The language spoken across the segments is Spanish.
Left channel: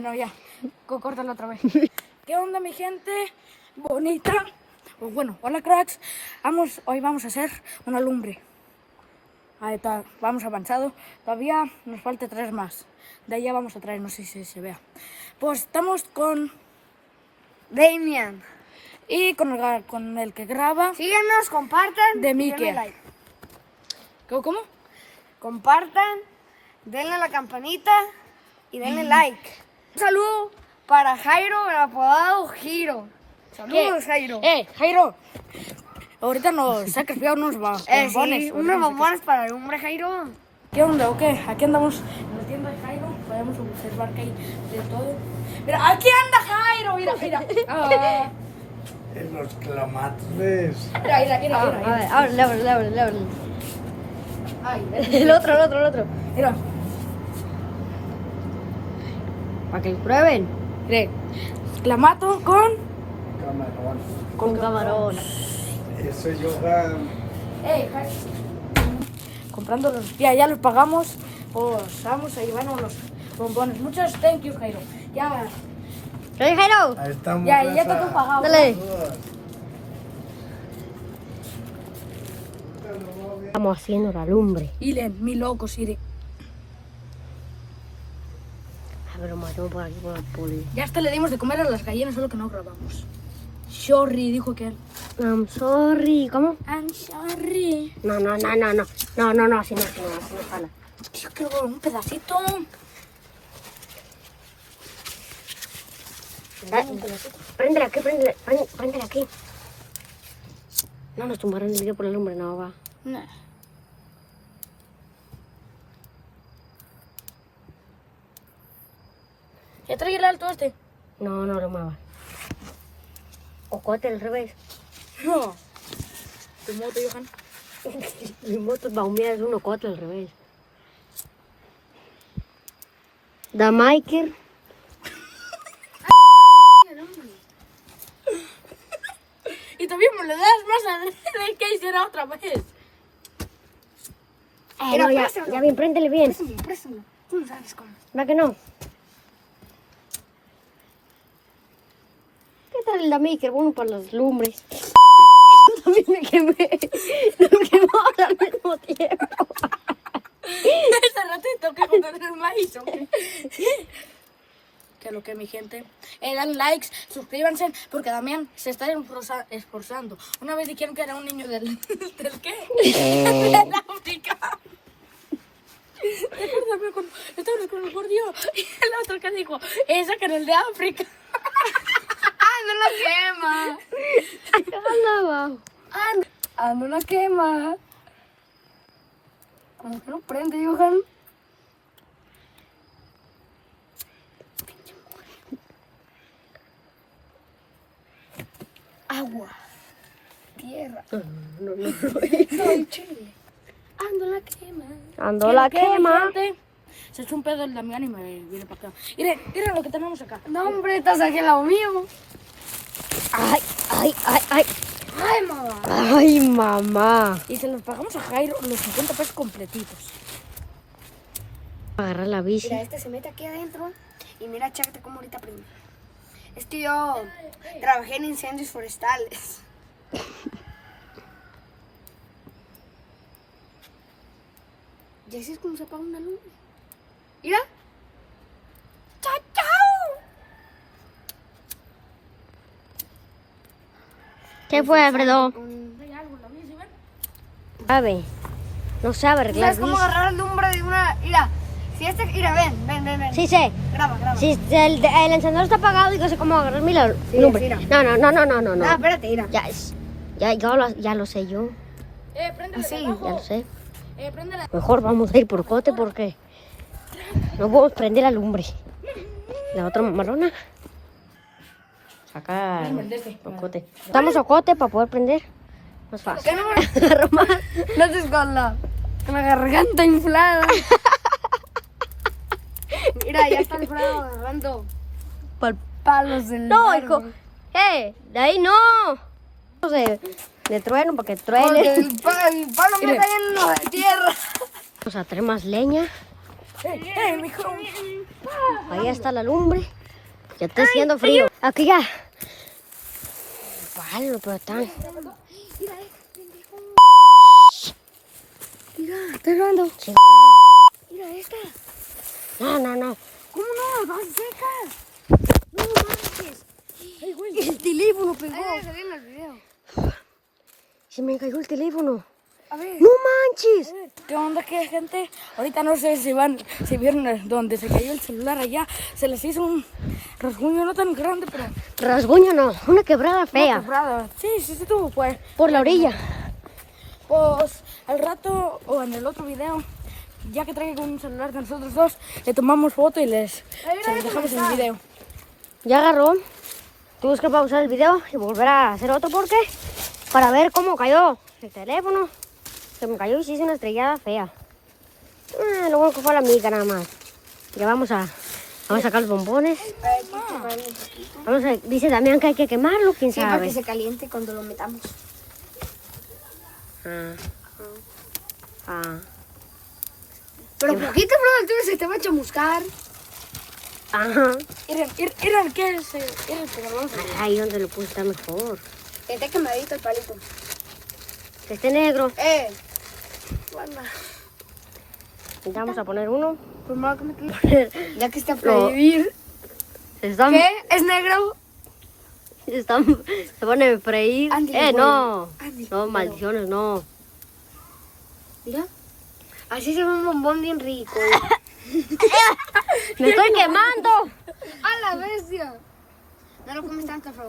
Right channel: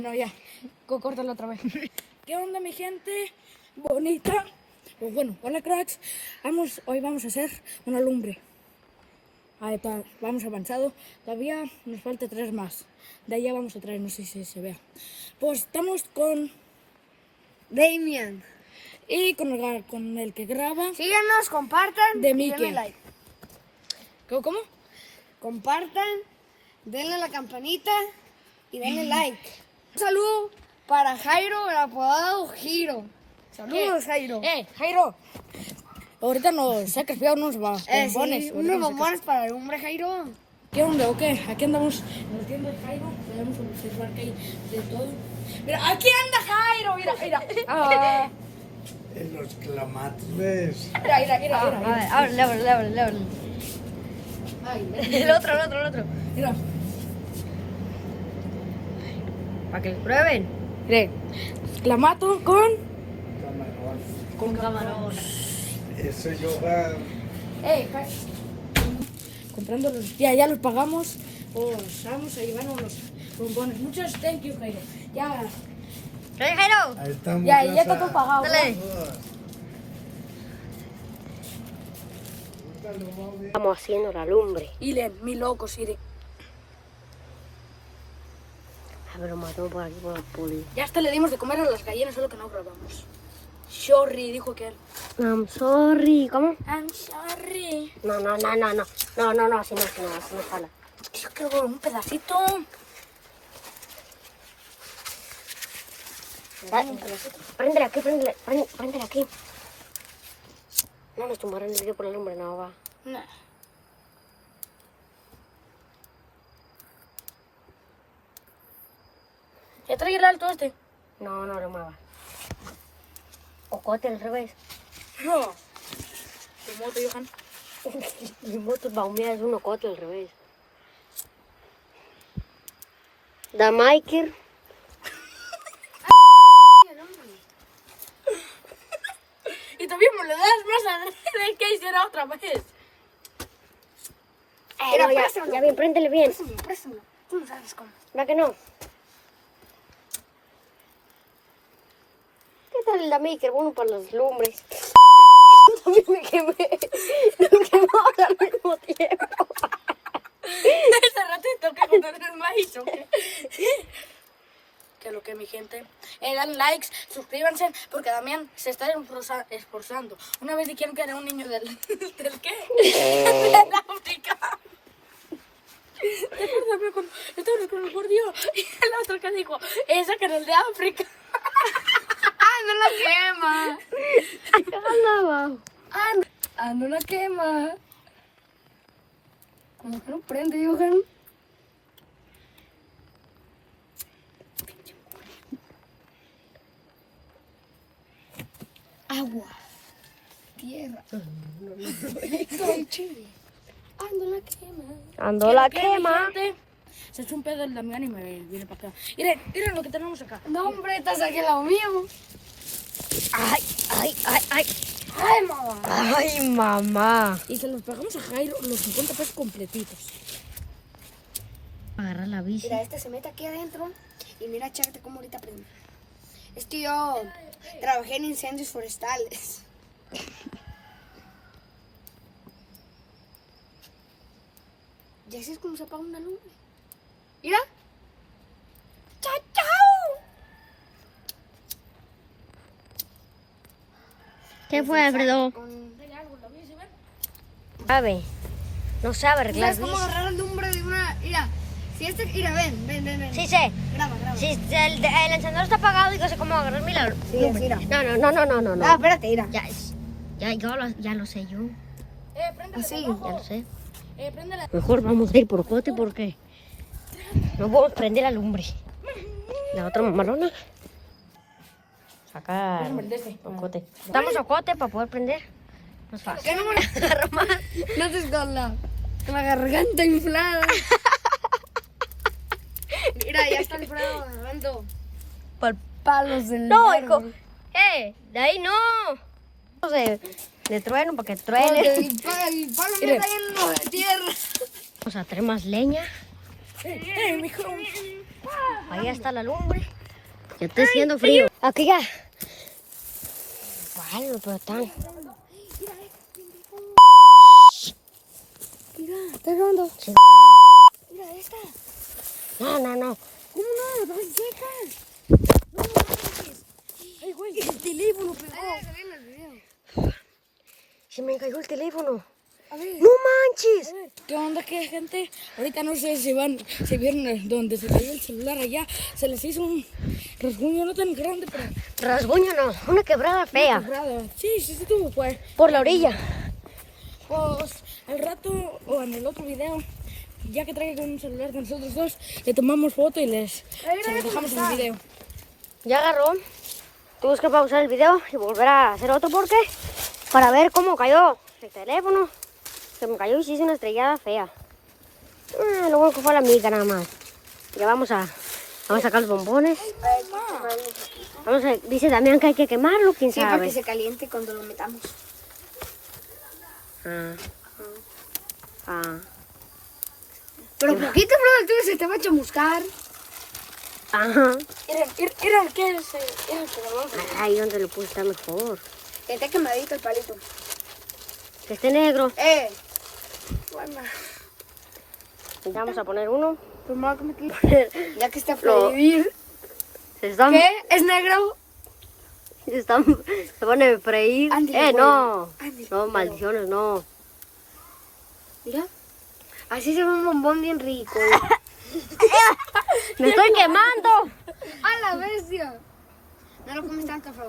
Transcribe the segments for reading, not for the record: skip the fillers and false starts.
No, ya. Córtalo otra vez. ¿Qué onda, mi gente bonita? Pues bueno, hola cracks. Hoy vamos a hacer una lumbre. Ahí está, vamos avanzado. Todavía nos falta 3 más. De ahí ya vamos a traer, no sé si se vea. Pues estamos con Damian. Y con el que graba. Síguenos, compartan. De y Mickey. denle like. ¿Cómo? Compartan, denle a la campanita y denle like. Un saludo para Jairo, el apodado Giro. Saludos, Jairo. Jairo. Ahorita nos sacas unos bombones. Sí, unos bombones para el hombre Jairo. ¿Qué onda o qué? Aquí andamos en la tienda de Jairo. Podemos observar que hay de todo. Mira, aquí anda Jairo. Mira. En los clamatos, ¿ves? Mira. A ver, ábrele. Ay, El otro. mira. Para que lo prueben. Mira. Clamato con Camarón. Con camarón. Eso es yoga. Comprando los. Ya los pagamos. Pues vamos a llevarnos los bombones. Muchos thank you, Jairo. Ya. ¿Qué, Jairo? Ahí estamos. Ya está todo pagado. Dale. Estamos haciendo la lumbre. Miren, mi locos, miren. Ya hasta le dimos de comer a las gallinas, solo que no grabamos. Sorry, dijo que. I'm sorry. ¿Cómo? I'm sorry. No, así no jala. Yo quiero un pedacito. Préndele aquí. No nos tumbarán el video por el hombre, no va. No. ¿Ya trae el alto este? No va. O corte al revés. No. Primero te dejan. El moto va a hundir el 1-4 al revés. Da Michael. Y tú mismo le das más al que hiciera otra vez. Ya bien, préndele bien. Préstame. Tú no sabes cómo. ¿No que no? ¿Qué tal la Michael? Bueno, para los lumbres. Me quemé al mismo tiempo. Ese ratito que poner el maíz, ¿o qué? Que lo que mi gente, den likes, suscríbanse, porque Damián se está esforzando. Una vez dijeron que era un niño del ¿qué? De África. Estaba con el gordio y el otro que dijo, ese que era el de África. No la quema. No la quema. ¿Cómo que no prende, Johan? Agua. Tierra. Soy chile. Ando la quema. Se echó un pedo el Damián y me viene para acá. Miren lo que tenemos acá. No, hombre, estás aquí al lado mío. Ay, mamá. Ay, mamá. Y se los pagamos a Jairo los 50 pesos completitos. Agarrar la bici. Mira, este se mete aquí adentro y mira, chécate cómo ahorita prende. Es que yo trabajé en incendios forestales. ¿Ya sabes cómo se apaga una luz? Mira. ¡Chao! ¿Qué fue, Alfredo? Sabe. No sabe arreglar. ¿Sabes cómo agarrar el lumbre de una? Mira. Mira, ven. Sí sé. Graba. Si el encendedor está apagado y no sé cómo agarrar mi lumbre. No. Ah, espérate, mira. Ya lo sé yo. Así. Ya lo sé. Mejor vamos a ir por cote porque no podemos prender la lumbre. La otra mamarona. Sacar cote. Estamos a cote para poder prender. No es fácil. No estés con la garganta inflada. Mira, ya está Alfredo agarrando palos del No, hijo. De ahí no. De trueno para que truene. El palo me está lleno de tierra. Vamos a traer más leña. mijo. Ahí está la lumbre. Ya está haciendo frío. Aquí ya. Vale, pero están. Mira, estoy grabando. Sí. Mira esta. No. ¿Cómo no? ¡Dos secas! No manches. ¡Ey, güey! El teléfono pegó. en el video. Se me cayó el teléfono. A ver. ¡No manches! ¿Qué onda, qué gente? Ahorita no sé si vieron donde se cayó el celular allá. Se les hizo un rasguño no tan grande, pero... Rasguño no, una quebrada fea. Quebrado. Sí, tú, pues. Por la orilla. Pues al rato o en el otro video, ya que traigo un celular de nosotros dos, le tomamos foto y se los dejamos en el video. Ya agarró. Tenemos que pausar el video y volver a hacer otro corte. Para ver cómo cayó el teléfono. Se me cayó y sí se me estrellaba fea. Lo bueno que fue la mica nada más. Ya vamos a sacar los bombones. Dice Daniel que hay que quemarlo, quién sabe. Sí, para que se caliente cuando lo metamos. Pero poquito, bro, entonces se te va a chamuscar. Era el que es. Ay, yo no le puse tan frío. Que esté quemadito el palito. Que esté negro. Bueno. Pues vamos a poner uno. Pues más como que. Ya que está para vivir. Estamos, ¿Es negro? se pone para ir. No. No, maldiciones, no. Mira. Así se ve un bombón bien rico. ¡Me estoy engañando! ¡A la bestia! No lo comes tan café.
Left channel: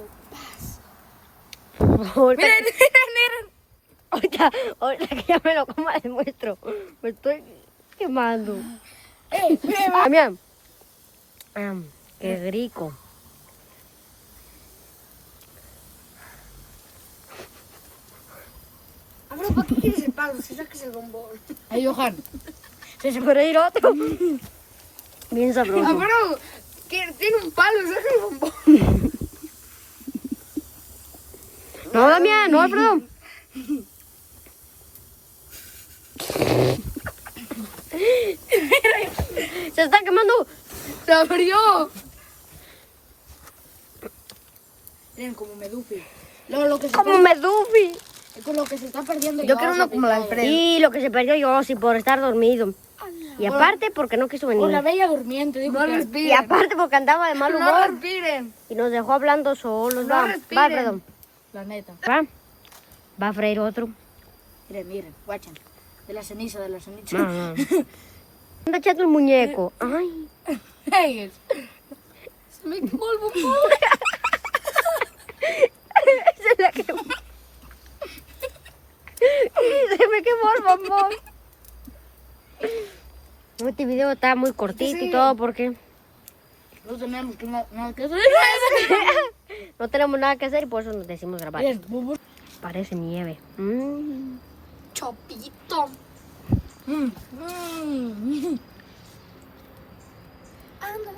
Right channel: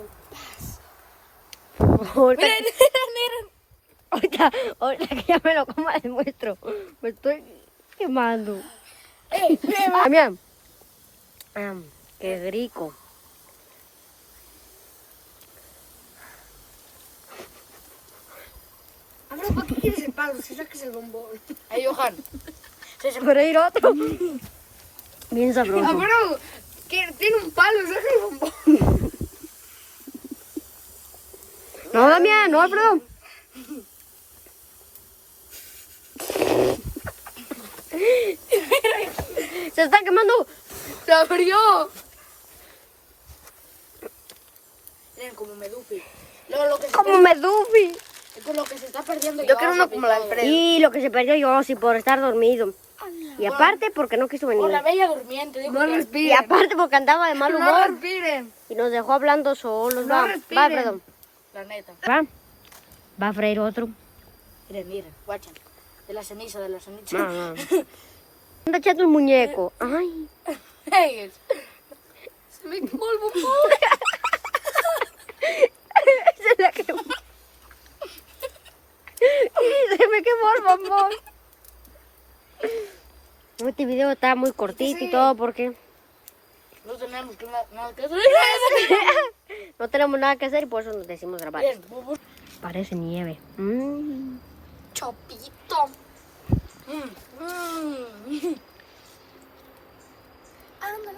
Miren. Ahorita que ya me lo coma, les muestro. Me estoy quemando. También. Qué rico. A ver, ¿para qué quieres el palo? Si sacas el bombón. Ay, Johan. Por ahí otro. Bien sabroso. Ah, pero tiene un palo, saca el bombón. No, mira, no, bro. Se está quemando. ¡Se abrió! Miren, como Medupi. Lo que se Como Medupi. Lo que se está perdiendo. Yo quiero uno como la Alfredo. Y lo que se perdió yo, sí, por estar dormido. Y aparte porque no quiso venir. O la bella durmiente, digo. No Y respiren. aparte porque andaba de mal No humor. respiren. Y nos dejó hablando solos. No respiren. La neta. Va a freír otro. Miren, guacha. De la ceniza. Anda echando el muñeco. ¡Ey! Se me quemó el bombón. Se me quemó el bombón. Este video está muy cortito y todo porque No tenemos nada que hacer. no tenemos nada que hacer y por eso nos decimos grabar. Miren, bubu. Parece nieve. Chopito.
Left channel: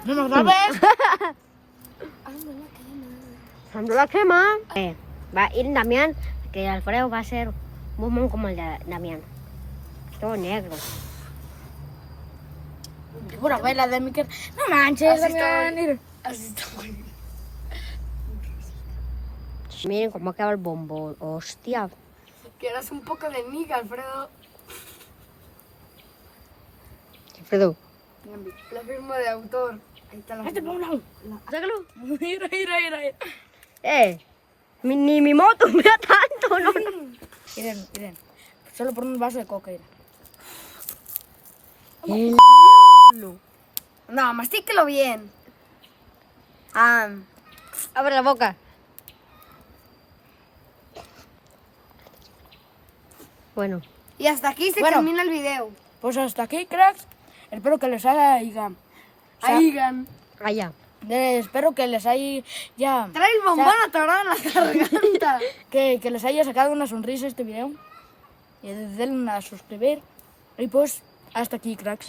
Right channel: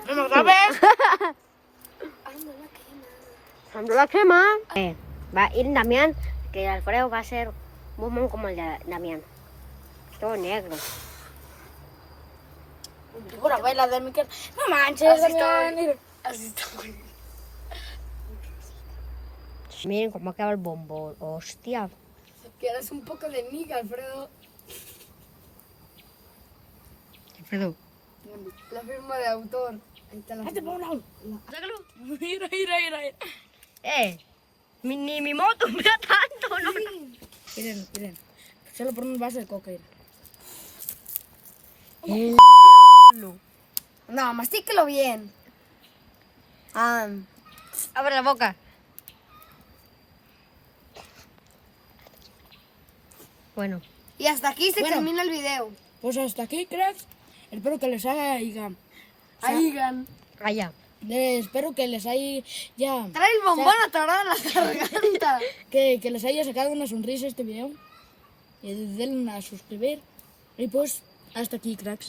¿No lo sabes? La crema. Va a ir Damián, que Alfredo va a ser bombón como el de Damián. Todo negro. Pura baila de Miquel. No manches, así está. Miren cómo acaba el bombón. Hostia. Quieras un poco de miga, Alfredo. Alfredo. La firma de autor. Ahí está la firma. Sácalo. Mira. Ni mi moto me da tanto, no. Miren. Solo por un vaso de coca. No, mastíquelo bien. Abre la boca. Bueno. Y hasta aquí se termina el video. Pues hasta aquí, cracks. Espero que les haya... Allá. Espero que les haya... Trae el bombón atorado en la garganta. que les haya sacado una sonrisa este video. Y denle a suscribir. Y pues, hasta aquí, cracks.